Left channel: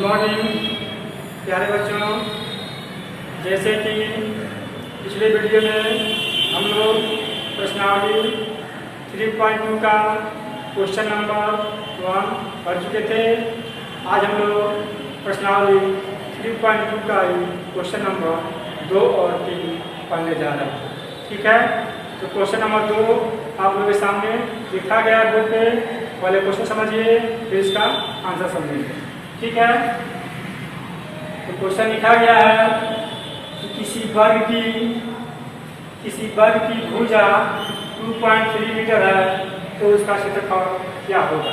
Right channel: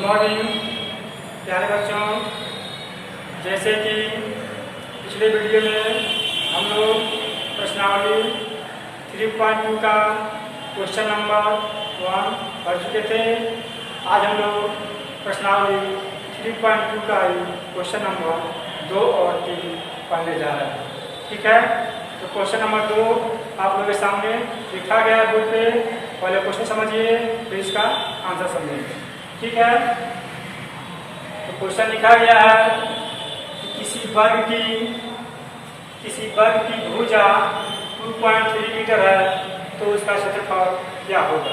Good morning प्यारे बच्चों। जैसे कि पिछले वीडियो में हम लोग प्रश्नावली 3.2 का क्वेश्चन नंबर 1 पढ़ चुके थे। आज हम लोग प्रश्नावली 3.2 का क्वेश्चन नंबर 2 और 3 पढ़ने जा रहे हैं। ठीक है, तो क्वेश्चन नंबर 2 आप लोगों के सामने लिखा गया है बोर्ड पे। पहले क्वेश्चन समझिए, फिर इसका आंसर समझिए। ठीक है, तो क्वेश्चन लिखा गया है कि किसी वर्ग की भुजा 2.3 मीटर है तो उसका क्षेत्रफल क्या होगा।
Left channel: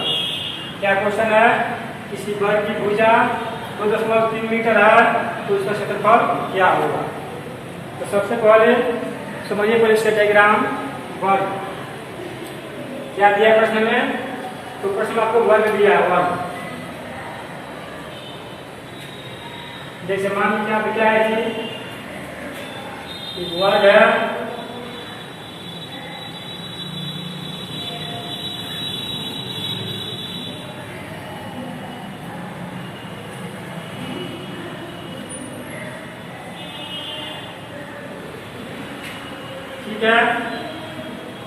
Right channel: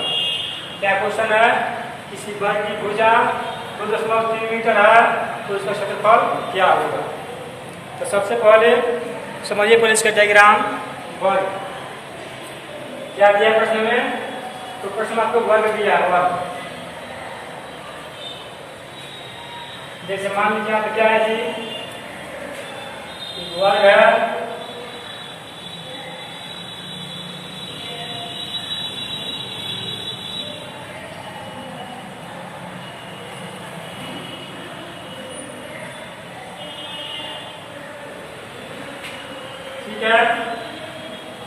क्या क्वेश्चन है? किसी वर्ग की भुजा 2.3 मीटर है तो उसका क्षेत्रफल क्या होगा। तो सबसे पहले समझिए पहले इसका डायग्राम। वर्ग क्या दिया प्रश्न में? तो प्रश्न में आपको वर्ग दिया है, वर्ग। जैसे मान लीजिए यहाँ पे क्या है जी, वर्ग है ठीक है।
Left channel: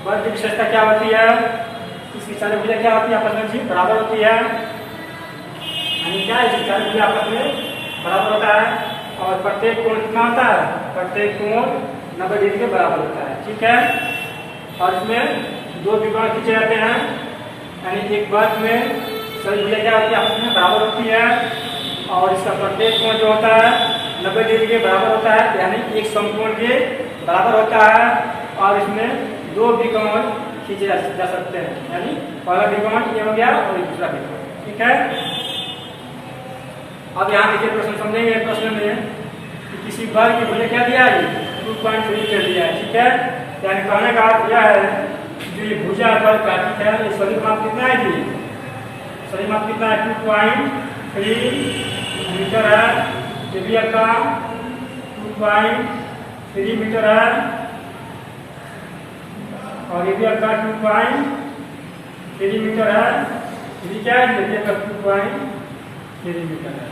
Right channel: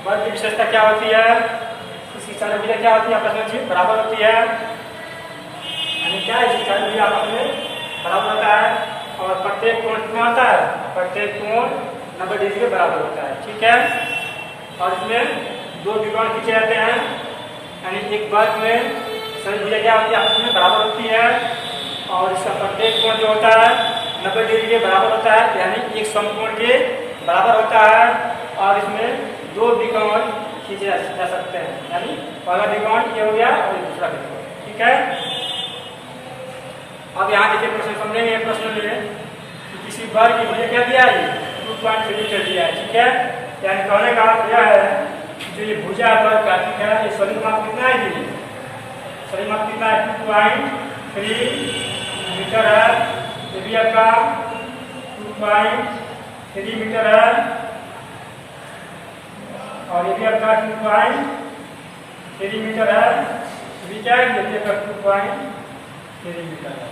वर्ग की विशेषता क्या होती है? इसकी चार भुजा क्या होती है? आपस में बराबर होती है। यानी क्या है, चार भुजा आपस में बराबर होता है और प्रत्येक कोण कितना होता है? प्रत्येक कोण 90 डिग्री के बराबर होता है। ठीक है, और इसमें दो त्रिकोण खींचे जाते हैं। यानी एक वर्ग में सभी भुजा क्या होती है? आपस में बराबर होती है और इसका प्रत्येक कोण जो होता है 90 डिग्री के बराबर होता है, यानी एक समकोण के बराबर होता है। और इसमें दो त्रिकोण खींचे जा सकते हैं, यानी पहला त्रिकोण ये हो गया और दूसरा त्रिकोण। ठीक है, अब यहाँ देखिए प्रश्न समझेंगे। प्रश्न में किसी वर्ग की भुजा क्या दिया है? 2.3 मीटर दिया है। ठीक है, यानी कहने का अर्थ यह है जो ये भुजा वर्ग का ठीक है, ये सभी माप कितना है जी? सभी माप कितना है? 2.3 मीटर है। ये भी आपका 2.3 मीटर है और ये भी आपका 2.3 मीटर है। ये भी क्या है? 2.3 मीटर है।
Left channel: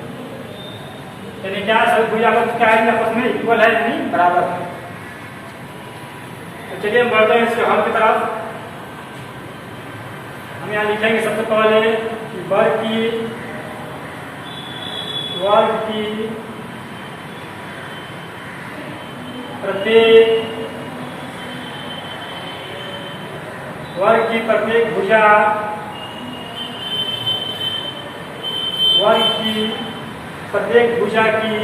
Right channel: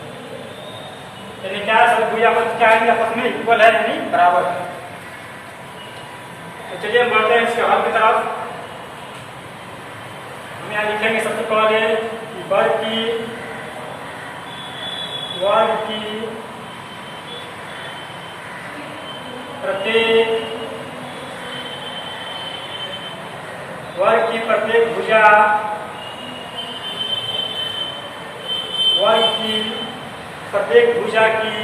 यानी क्या है, सब भुजा क्या है? आपस में इक्वल है, यानी बराबर है। तो चलिए हम बढ़ते हैं इसके हल की तरफ। हम यहाँ लिखेंगे सबसे पहले वर्ग की प्रत्येक भुजा की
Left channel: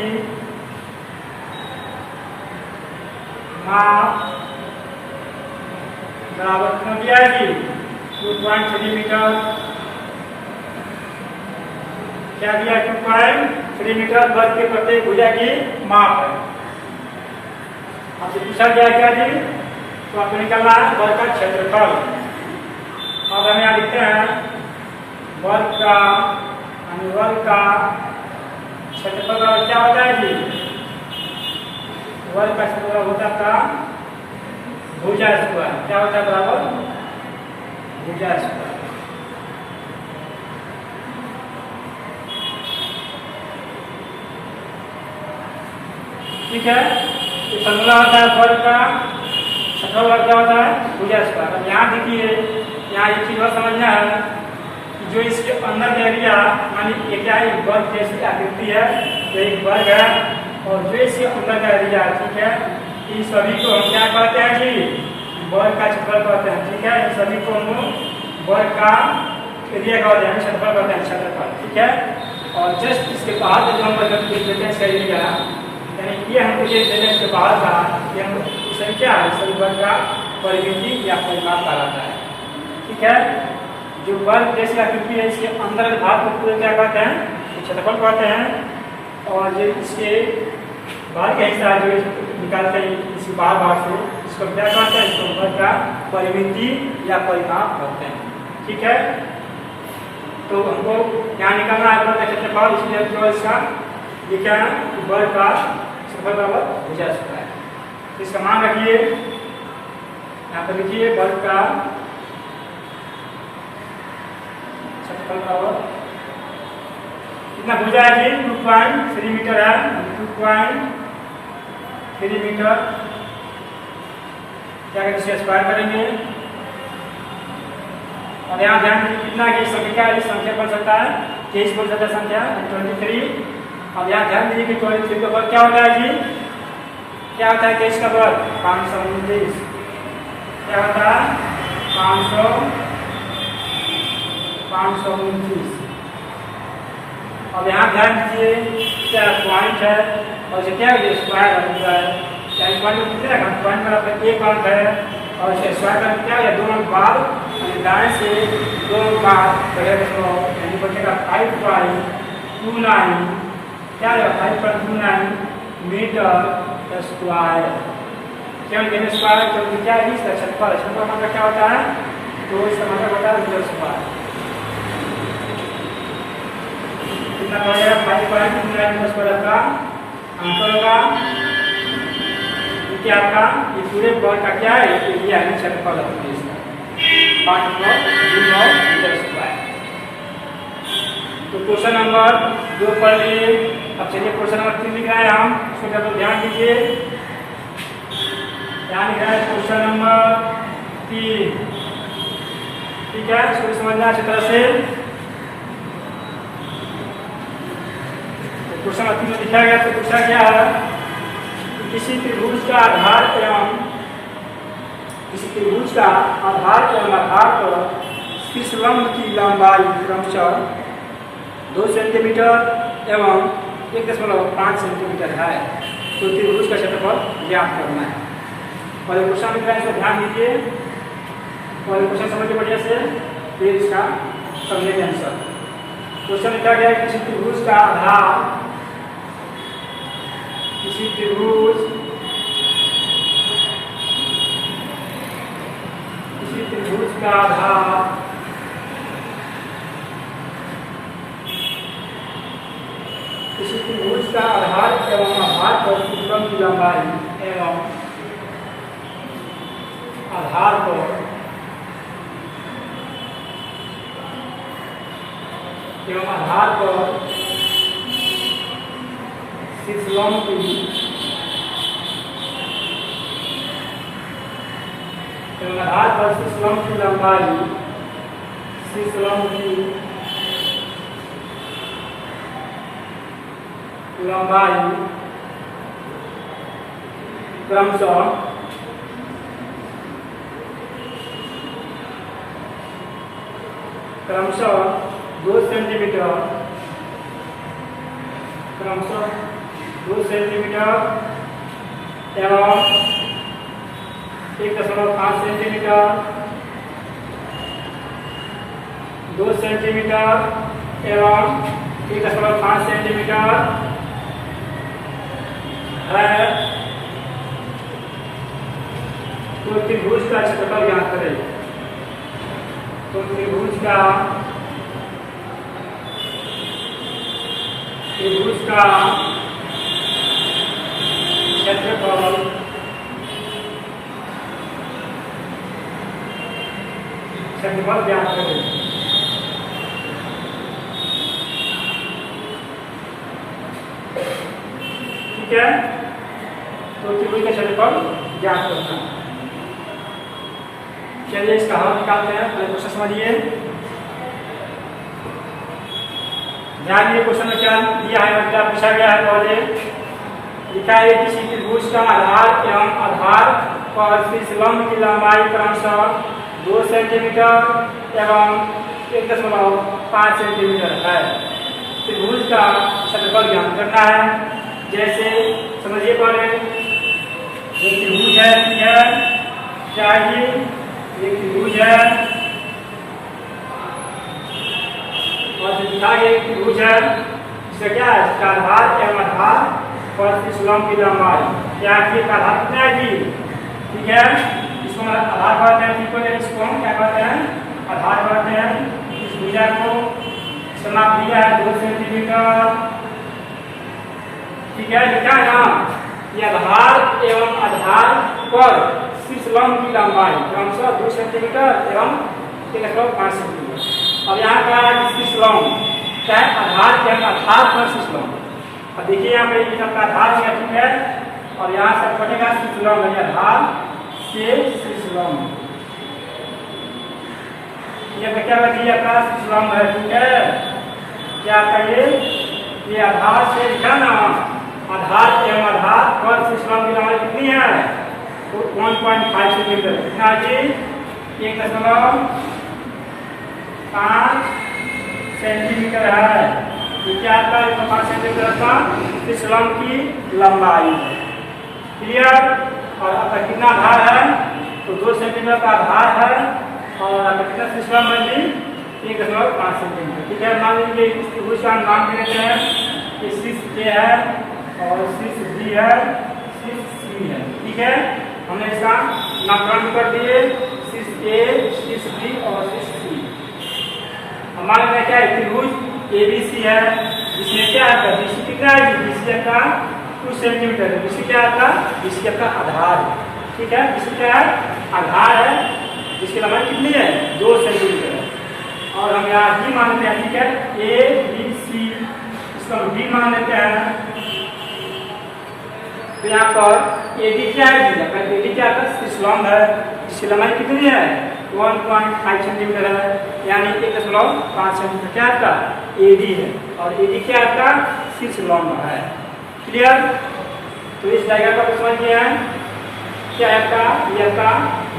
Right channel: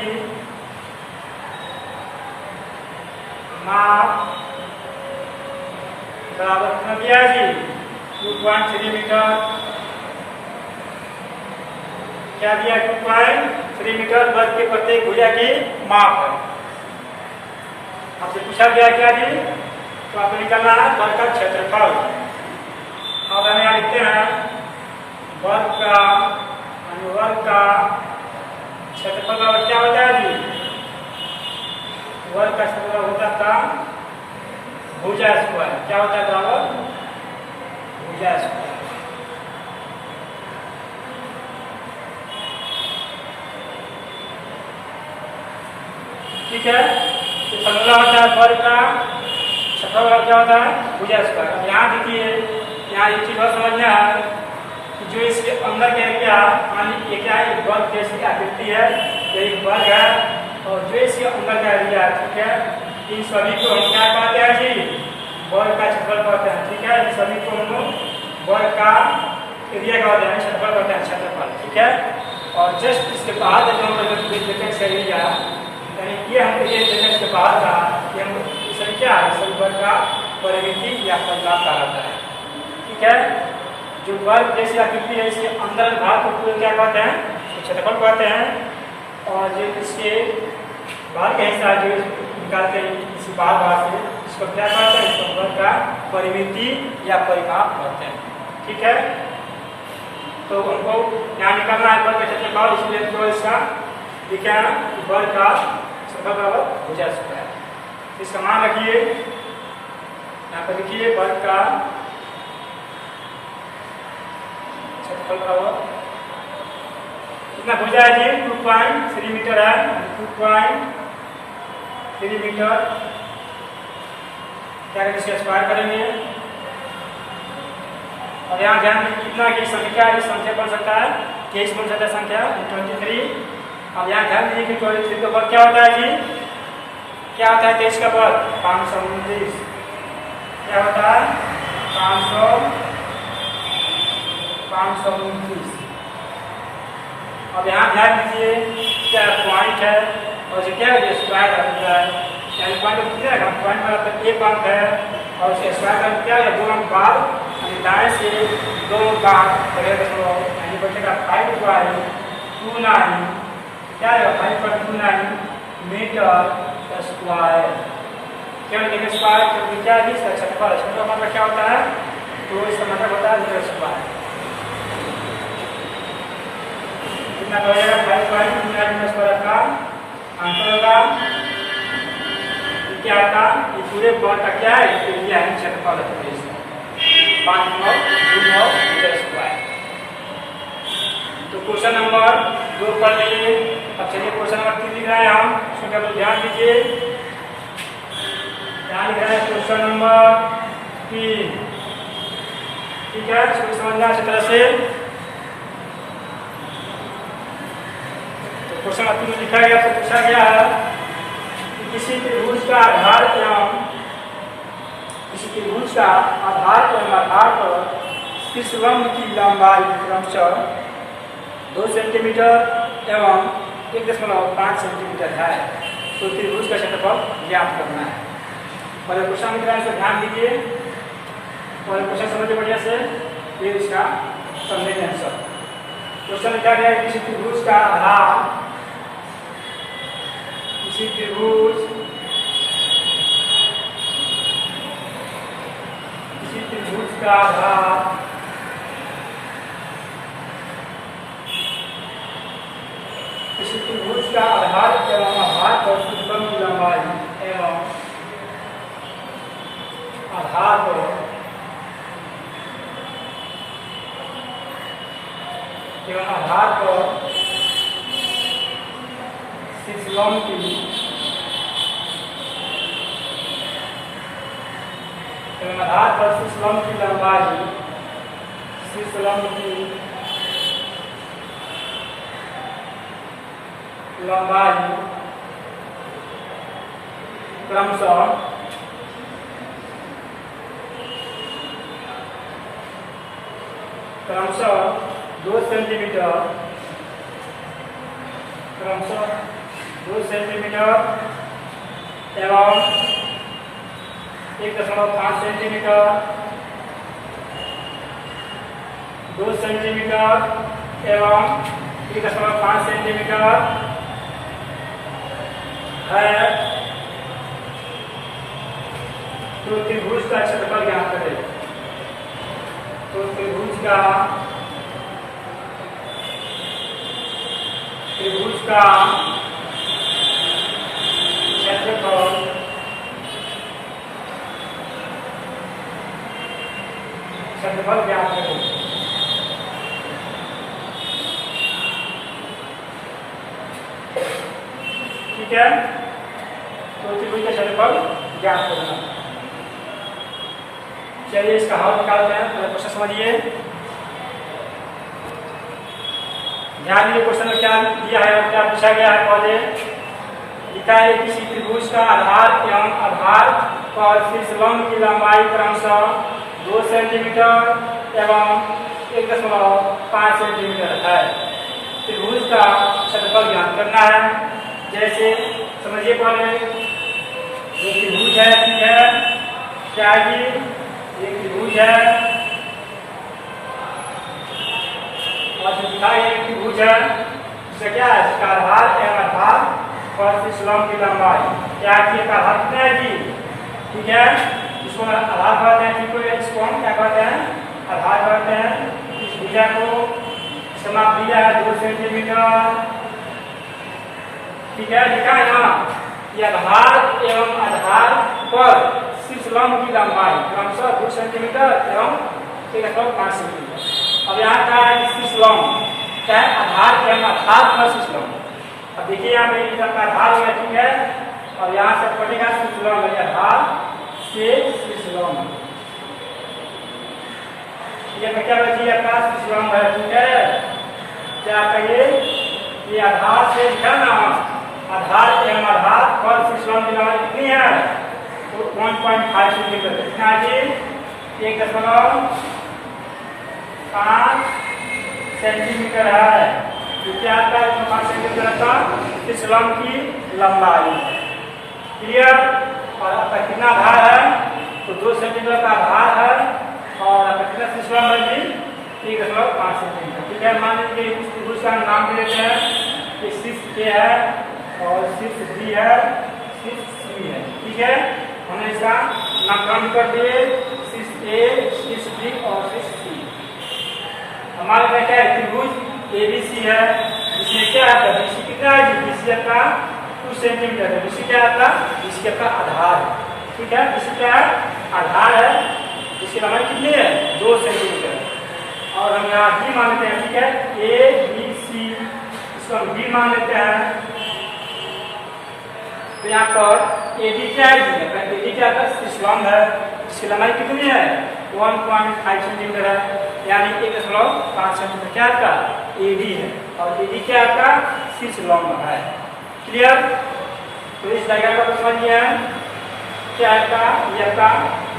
माप बराबर कितना दिया है जी? 2.3 मीटर। क्या दिया? 2.3 मीटर वर्ग की प्रत्येक भुजा की माप है। आपसे पूछा गया क्या जी? तो आपको निकालना है वर्ग का क्षेत्रफल। अब हम यहाँ लिखते हैं वर्ग का क्षेत्रफल बराबर क्या होता है जी? वर्ग का क्षेत्रफल होता था भुजा स्क्वायर। क्या होता है बराबर? भुजा स्क्वायर। ठीक है, तो फॉर्मूला होता है वर्ग का क्षेत्रफल क्या होता है? भुजा स्क्वायर। यहाँ देखिए, यहाँ एक चीज और समझना है कि जो इसके अंदर का एरिया, मान लीजिए क्या है, वर्ग जैसी आकृति है, ये एक वर्ग है और जो इसके अंदर का एरिया है, ठीक है, इन सभी को हम क्या कहते हैं जी? वर्ग का क्षेत्रफल कहते हैं। ठीक है, इन सभी को हम वर्ग का एरिया कहते हैं, क्षेत्रफल कहते हैं, क्षेत्रफल। ठीक है, और जस्ट इसके बाहर जो हम एरिया, यानी ये हम इसके बाहर का ये हम सभी क्या है? सभी वर्ग का परिमिति या परिमाप कहा जाता है। ठीक है, जो वर्ग जैसी आकृति है इसके अंदर भाग को पूरे क्या कहते हैं? क्षेत्रफल कहते हैं। और जो इसके बाहर का हिस्सा जो निकालते हैं इसी बाहर भाग से, इसको क्या कहते हैं? इसको वर्ग का परिमिति या परिमाप कहते हैं। ठीक है, तो हमको यहाँ निकालना है वर्ग का क्षेत्रफल, इसलिए जो इसका लिखा है वर्ग का क्षेत्रफल बराबर भुजा स्क्वायर। इसका मान रखिए, यहाँ पर लिखिए वर्ग का क्षेत्रफल बराबर कितना भुजा है जी 2.3 मीटर है, 2.3 मीटर। क्या कहते हैं, स्क्वायर करेंगे। और यहाँ ध्यान दीजिए कितना की संख्या है, संख्या बोल सकता है 23 बोल सकता है संख्या 23। अब यहाँ ध्यान दीजिए कि 23 का वर्ग क्या होता है जी, क्या होता है 23 का वर्ग 529। क्या होता है 529। अब यहाँ ध्यान दीजिए क्या पॉइंट है और इसे क्या स्क्वायर होता है, पॉइंट कितना पॉइंट में एक अंक है और इसे स्क्वायर का क्या है 2 अंक बाद दाएं से 2 बाद बचेगा 5.29। क्या है 5.29 मीटर स्क्वायर। क्या लिखेंगे स्क्वायर तो क्या है क्षेत्रफल, क्षेत्रफल मतलब क्या होता है, तो इसका मतलब होता है मीटर स्क्वायर। कितना करेगा 5.29 मीटर स्क्वायर का आंसर होगा। क्या आपका ये पूरे बॉल का क्या है, एरिया है, क्षेत्रफल है इसका 5.29 मीटर स्क्वायर। तो क्वेश्चन नंबर 2 पढ़ लिए। अब चलिए क्वेश्चन नंबर 3 लिख रहे हैं हम, उसमें आप ध्यान दीजिए। ध्यान लिख रहे हैं क्वेश्चन नंबर 3, ठीक है, इसको समझना अच्छी तरह से। तो क्वेश्चन नंबर 3 में लिखा गया, तो पूछा गया है कि किसी त्रिभुज का आधार एवं पर किस लंब की लंबाई क्रमशः 2 सेंटीमीटर एवं 1.5 सेंटीमीटर है, तो त्रिभुज का क्षेत्रफल ज्ञात करना है। पहले क्वेश्चन लिख रहे हैं, इसको ध्यान दीजिए, पहले क्वेश्चन समझिए बढ़िया से, फिर इसका समझेंगे आंसर। क्वेश्चन लिखा गया है किसी त्रिभुज का आधार किसी त्रिभुज का आधार किसी त्रिभुज का आधार एवं आधार पर त्रिभुज की लंबाई एवं आधार पर शीर्षलंब की लंबाई क्रमशः 2 सेंटीमीटर एवं 1.5 सेंटीमीटर 2 सेंटीमीटर एवं 1.5 सेंटीमीटर है, तो त्रिभुज का क्षेत्रफल ज्ञात करें। तो त्रिभुज का क्षेत्रफल ज्ञात करें। ठीक है, तो त्रिभुज का क्षेत्रफल ज्ञात करना। चलिए इसका हल निकालते हैं, पहले क्वेश्चन समझिए। ध्यान दिए क्वेश्चन में क्या दिया है और क्या पूछा गया है। पहले लिखा है किसी त्रिभुज का आधार एवं आधार पर शीर्षलंब की लंबाई क्रमशः 2 सेंटीमीटर एवं 1.5 सेंटीमीटर है, त्रिभुज का क्षेत्रफल ज्ञात करना है। जैसे समझिए, पहले ये त्रिभुज है, क्या है ये त्रिभुज है और दिखा गया त्रिभुज है, इसका क्या है, इसका आधार एवं आधार पर शीर्षलंब की लंबाई क्या है, इसका आधार कितना है जी, ठीक है, इसको आधार कहते हैं, इसको हम क्या कहते हैं, आधार कहते हैं। इस भुजा को समाप्त दिया है 2 सेंटीमीटर, ठीक है, लिखा है ना, ये आधार एवं आधार पर शीर्षलंब की लंबाई क्रमशः 2 सेंटीमीटर एवं 1.5 सेंटीमीटर। अब यहाँ कहा है कि शीर्षलंब क्या है, आधार के हम आधार पर शीर्ष लंब। अब देखिए यहाँ पे ये सबका आधार होगा, ठीक है, और यहाँ से पड़ेगा शीर्ष लंब, आधार से शीर्ष लंब। ये क्या बैठी आपका शीर्ष लंब है, ठीक है। क्या कहिए, ये आधार से लिखा ना, आधार एवं आधार पर शीर्ष लंब की लंबाई कितनी है, तो 1.5 सेंटीमीटर। कितना जी, 1.5 सेंटीमीटर है। ये क्या आता है, 1.5 सेंटीमीटर का शीर्ष लंब की लंबाई। क्लियर। और आपका कितना आधार है, तो 2 सेंटीमीटर का आधार है, और आपका कितना शीर्ष लंब है जी, 1.5 सेंटीमीटर। ठीक है, मान लीजिए इस त्रिभुज का नाम दे देते हैं, ये शीर्ष ए है और शीर्ष बी है, शीर्ष सी है। ठीक है, हमने इसका नामकरण कर दिए, शीर्ष ए, शीर्ष बी और शीर्ष सी। हमारे क्या क्या है, त्रिभुज एबीसी है, जिसमें क्या है, बीसी कितना है, बीसी का 2 सेंटीमीटर है। बीसी क्या आता है, बीसी का आधार है। ठीक है, बीसी क्या है, आधार है, जिसकी लंबाई कितनी है, 2 सेंटीमीटर है। और हम यहाँ डी मान लेते हैं। ठीक है, ए बी सी, इसको हम डी मान लेते हैं। तो यहाँ पर ए डी क्या है, ए डी क्या है, शीर्ष लंब है, जिसकी लंबाई कितनी है, 1.5 सेंटीमीटर है, यानी 1.5 सेंटीमीटर क्या आपका ए डी है, और ए डी क्या आपका शीर्ष लंब है। क्लियर। तो इस डायग्राम का समझ गया है, क्या है आपका, ये आपका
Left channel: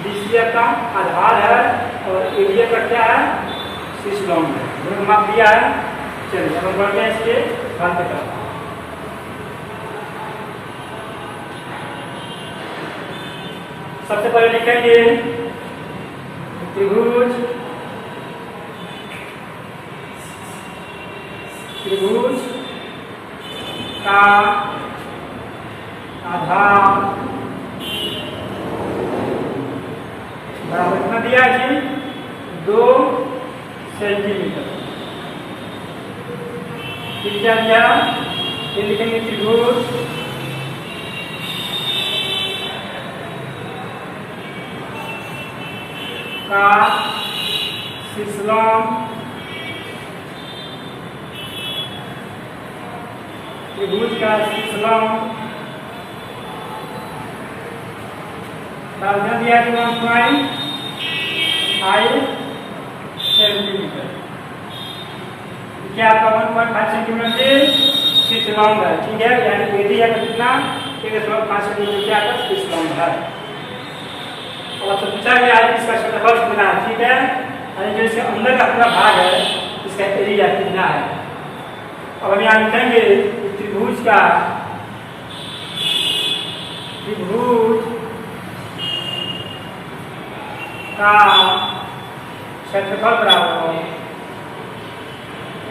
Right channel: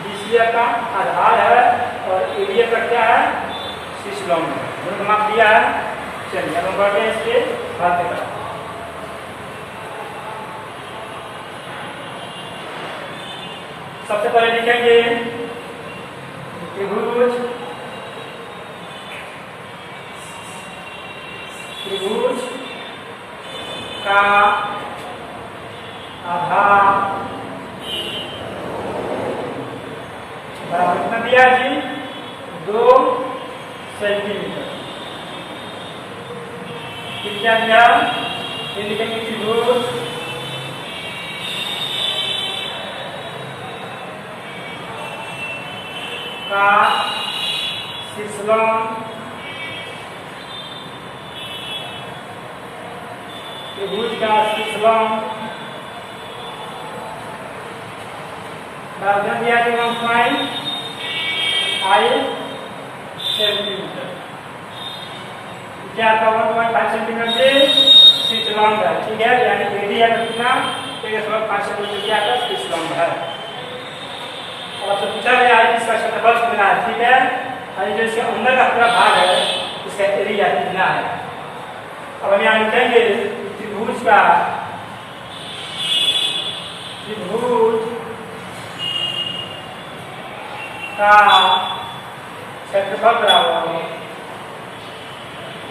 बीसी का आधार है, और ए डी का क्या है, शीर्ष लंब है। दोनों को माप दिया है। चलिए अब हम बढ़ते हैं इसके बाद की तरफ। सबसे पहले लिखेंगे त्रिभुज, त्रिभुज का आधार बराबर कितना दिया जी, 2 सेंटीमीटर। फिर क्या दिया, ये लिखेंगे त्रिभुज का शीर्ष लंब, त्रिभुज का शीर्ष लंब बराबर दिया 1.5 सेंटीमीटर। क्या आपका 1.5 सेंटीमीटर से शीर्ष लंब है। ठीक है, यानी एडी है कितना, 1.5 सेंटीमीटर क्या आपका शीर्ष लंब है। और आपसे पूछा गया है इसका क्षेत्रफल कितना है। ठीक है, और जैसे अंदर का पूरा भाग है, इसका एरिया कितना है। अब हम यहाँ लिखेंगे त्रिभुज का, त्रिभुज का क्षेत्रफल बराबर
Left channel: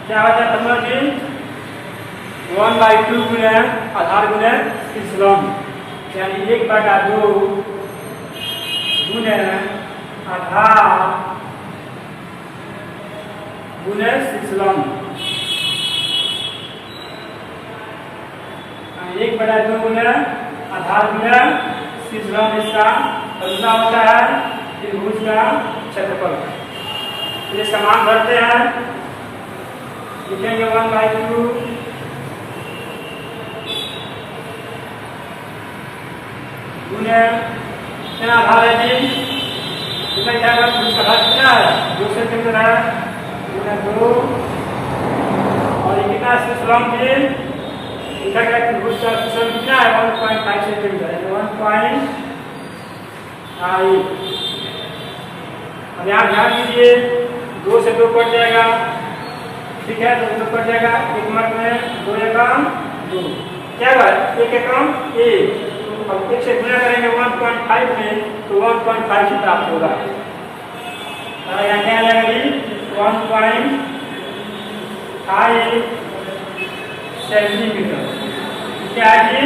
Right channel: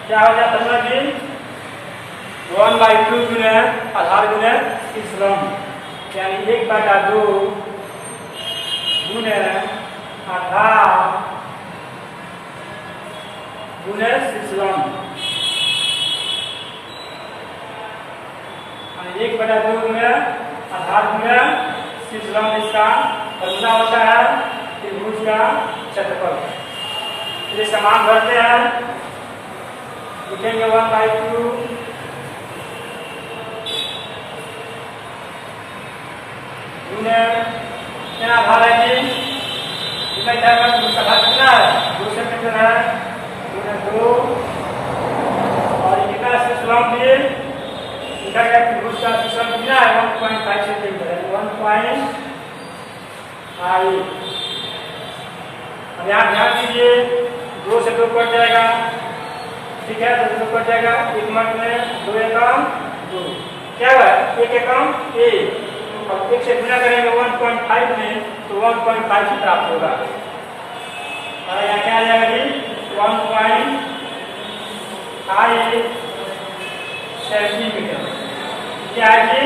क्या हो जाता है जी, 1/2 गुने आधार गुने शीर्ष लंब, यानी 1/2 गुने आधार गुने शीर्ष लंब, 1/2 गुने आधार गुने शीर्ष लंब। इसका फॉर्मूला होता है त्रिभुज का क्षेत्रफल। ये समान भरते हैं, लिखेंगे 1/2 गुने क्या आधार है जी, इसमें क्या होगा, त्रिभुज का आधार कितना है, 2 सेंटीमीटर है, गुने 2, और ये कितना शीर्ष लंब भी लिखा गया, त्रिभुज का शीर्ष लंब कितना है, 1.5 सेंटीमीटर है, 1.5। अब यहाँ ध्यान दीजिए, 2 से 2 कट जाएगा। ठीक है, 2 से 2 कट जाएगा, 1 मार्क में 2 एकम 2, क्या हुआ, 1 एकम 1। अब 1 से गुना करेंगे 1.5 में, तो 1.5 से प्राप्त होगा। यहाँ क्या आ जाएगा जी, 1.5 सेंटीमीटर। क्या है जी,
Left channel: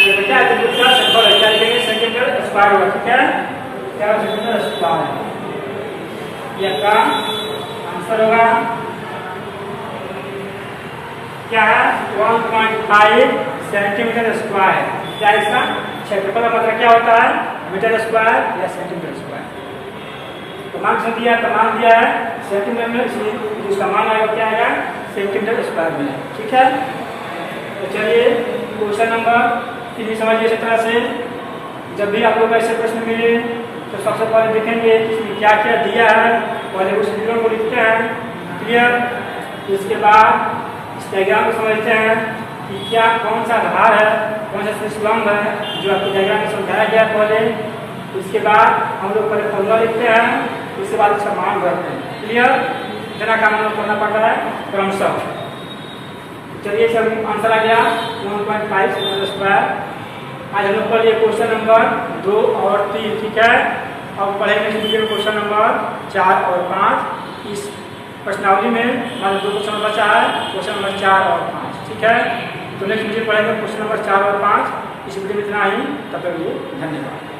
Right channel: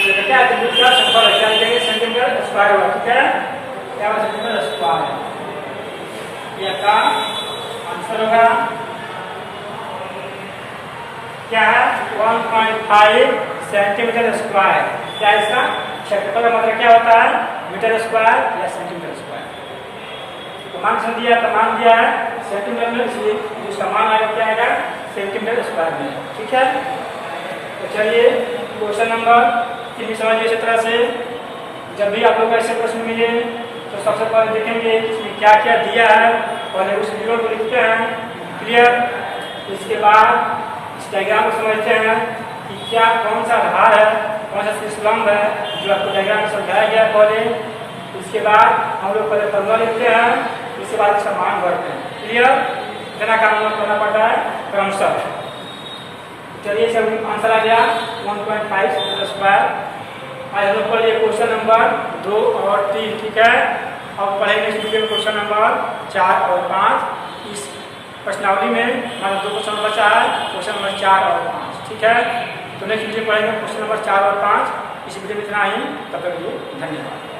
ये बचा है त्रिभुज का क्षेत्रफल, क्या लिखेंगे, सेंटीमीटर स्क्वायर होगा। ठीक है, क्या सेंटीमीटर स्क्वायर है, ये आपका आंसर होगा। क्या है, 1.5 सेंटीमीटर स्क्वायर। क्या इसका क्षेत्रफल का मतलब क्या होता है, मीटर स्क्वायर या सेंटीमीटर स्क्वायर। तो मान से दिया है, तो मान दिया है सेंटीमीटर में, इसलिए जो इसका मान आएगा क्या आएगा सेंटीमीटर स्क्वायर में। ठीक है, तो चलिए क्वेश्चन नंबर 3 समझिए इस तरह से। जब भी आप लोग ऐसे प्रश्न मिले तो सबसे पहले देखेंगे इसमें क्या क्या दिया है, पहले उस विवरण को लिखते हैं, क्लियर। इसके बाद इस डायग्राम को समझते हैं कि क्या कौन सा आधार है, कौन सा शीर्षलंब है, जो आपको डायग्राम में समझाया गया पहले। इसके बाद हम लोग पहले फॉर्मूला लिखते हैं, उसके बाद इसका मान भरते हैं, क्लियर। इतना काम हम लोग करना पड़ता है क्रमशः। चलिए सब आंसर आ गया 1.5 स्क्वायर। आज हम लोग पढ़ लिए क्वेश्चन नंबर 2 और 3। ठीक है, अब पढ़ेंगे नेक्स्ट वीडियो में क्वेश्चन नंबर 4 और 5। इस प्रश्नावली में हमारे 2 क्वेश्चन बचा है, क्वेश्चन नंबर 4 और 5। ठीक है, तो नेक्स्ट वीडियो पढ़ेंगे क्वेश्चन नंबर 4 और 5। इस वीडियो में इतना ही, तब तक के लिए धन्यवाद।